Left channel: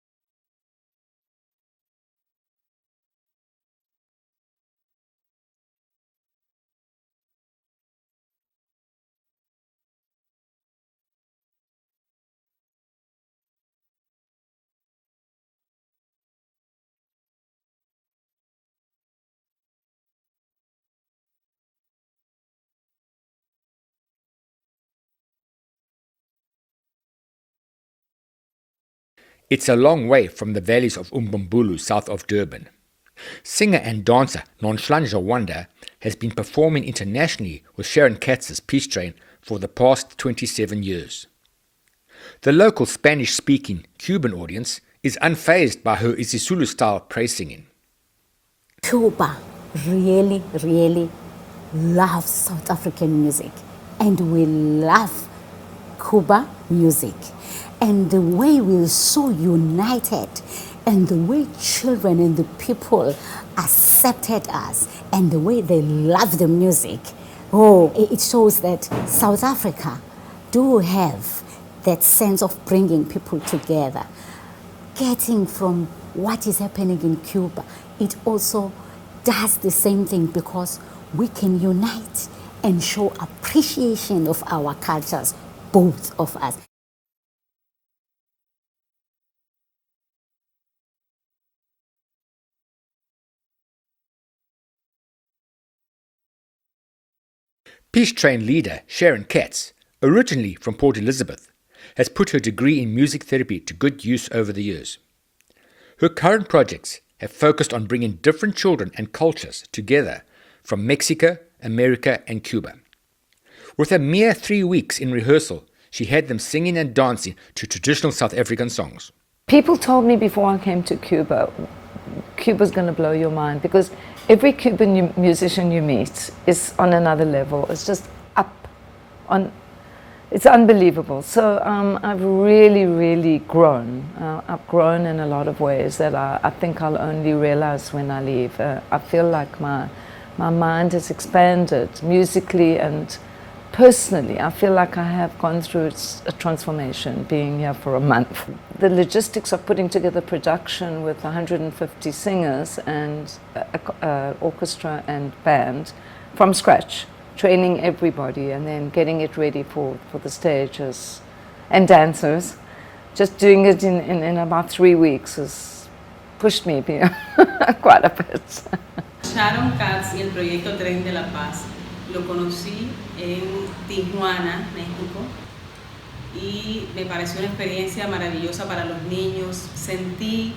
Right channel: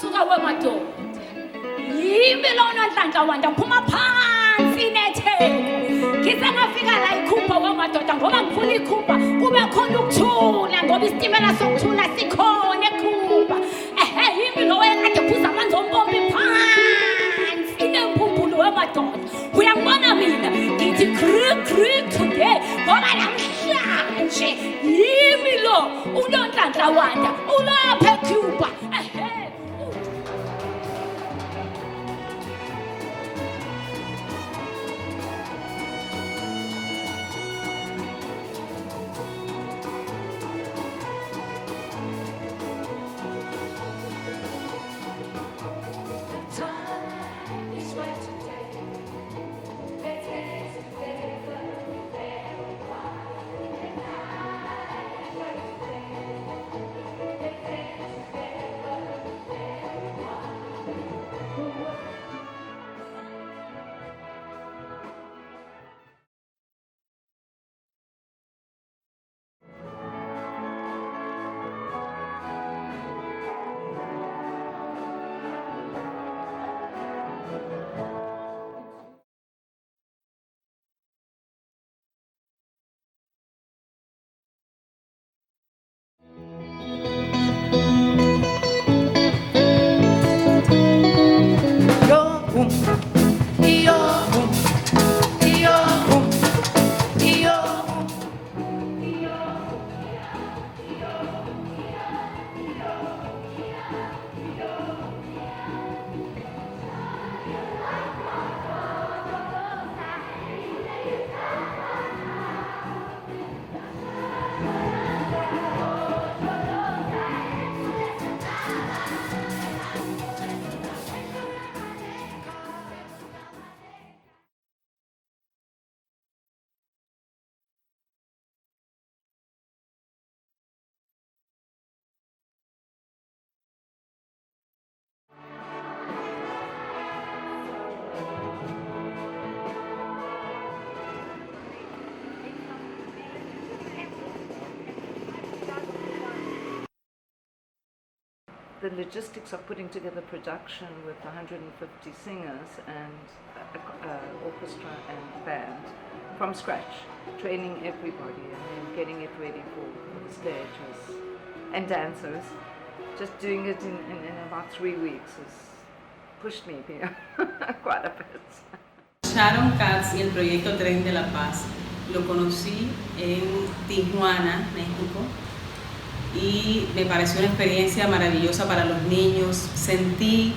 suka wemadoda yimi lona nhlanhla wanda phuma phansi netheko ngise ngafika la ikhupha wemadoda ngoba ngifuna ikhupha kube khona ukuthula ngoba isitimela sokuthula sikhona ekhupha yimi lo ekade phuza amanzi ompompi phansi nempumpulo wemadoda uyangibona mina ngithi kri today ngoba namhlanje yimi lo unonhlanhla wanda ulapha eCuba. It's a long way from the valleys of Umbumbulu south of Durban. Singer and dancer Nonhlanhla Wanda has been performing internationally with Sharon Katz's Peace Train for the past 27 years. The local Spanish-speaking Cuban audience is unfazed by her isiZulu-style praise singing. Cuba really, really loves South African music, and we love Cuba music. And the way we're so united, and the way children and the people accepted us, and the way they love the music, it shows that South Africa do have that sense of bringing people together. Getting from what is happening in Cuba, it also does the same thing because we can unite and show appreciation of our cultures, both of us. Peace Train leader Sharon Katz, originally from Port Elizabeth, has put her degree in music therapy to good use over the years. Her current projects have focused on bringing different children and cultures together from Mexico, America and Cuba. With a mere 3 weeks in rehearsal, she had them singing and dancing to traditional South African songs. People told me before I came to Cuba, Cuba's going to blow your mind because every Cuban musician you meet is on another level. It's just it's unbelievable. So I've really, really grown. I've grown in a lot of ways that I think I'll only realize when I leave. I feel like my mind has expanded musically and personally. I feel like I have gone through a transformation being here for a month. The logistics of putting together production with 150 singers and orchestra and band from scratch, training everybody and then getting it ready for the stages and dancers. Just doing it in about 3 weeks has pushed me quite a bit. Sharon Katz y el proyecto Tren de la Paz lo conocí en Tijuana, México, y me pareció una experiencia maravillosa para los niños. Sentí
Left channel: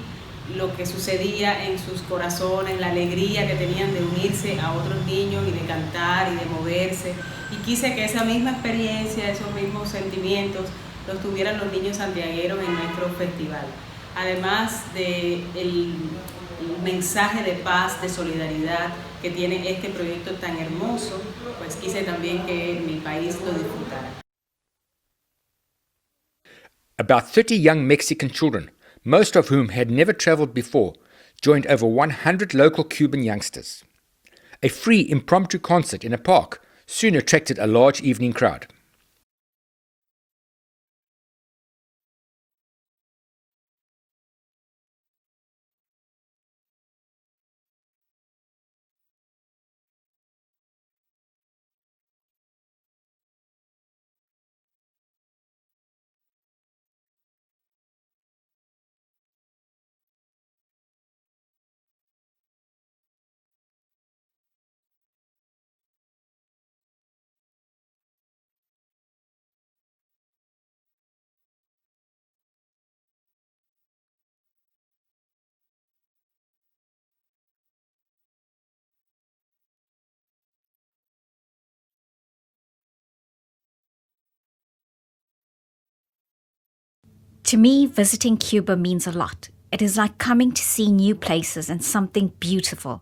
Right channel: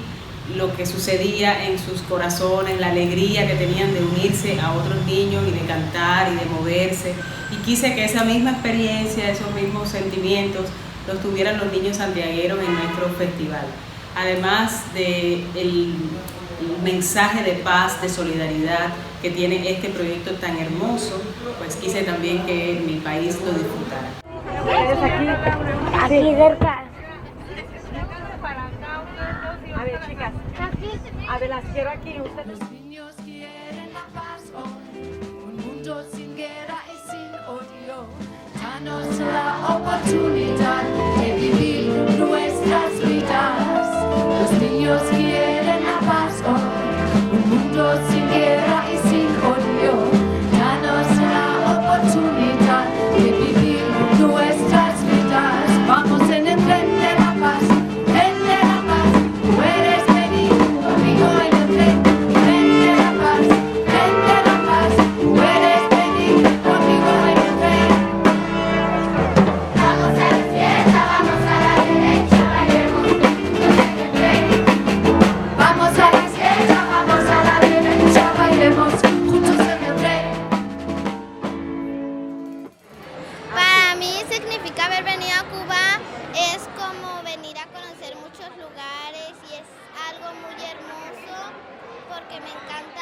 lo que sucedía en sus corazones, la alegría que tenían de unirse a otros niños y de cantar y de moverse. Y quise que esa misma experiencia, esos mismos sentimientos, los tuvieran los niños santiagueros en nuestro festival. Además del mensaje de paz, de solidaridad que tiene este proyecto tan hermoso, pues quise también que mi país lo disfrutara. About 30 young Mexican children, most of whom had never traveled before, joined over 100 local Cuban youngsters. A free impromptu concert in a park soon attracted a large evening crowd. To me, visiting Cuba means a lot. It is like coming to see new places and something beautiful.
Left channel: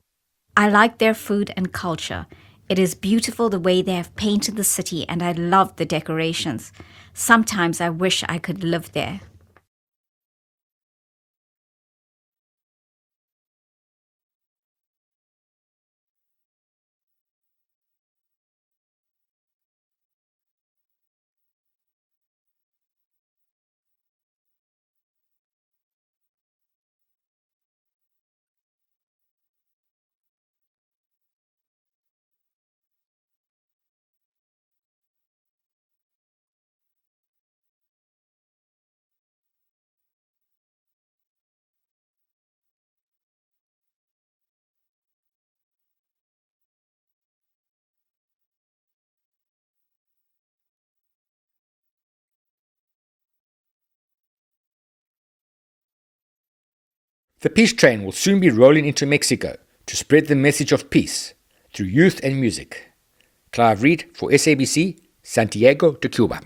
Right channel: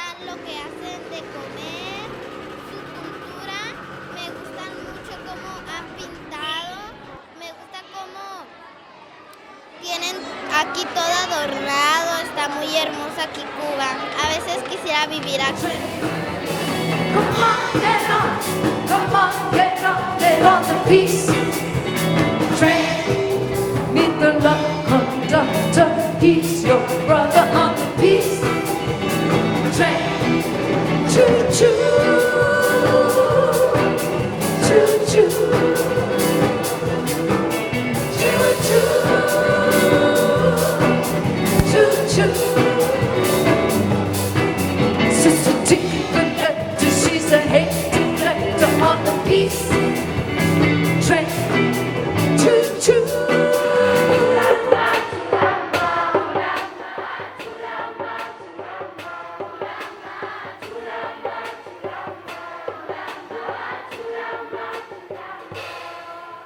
I like their food and culture. It is beautiful the way they have painted the city, and I love the decorations. Sometimes I wish I could live there. Tienen aquí todo adornado, está muy hermosa aquí Cuba. A veces quisiera vivir aquí. Get on the peace train. Meet the love conductor. He peace train will soon be rolling into Mexico to spread the message of peace through youth and music. Clive Read for SABC, Santiago de Cuba.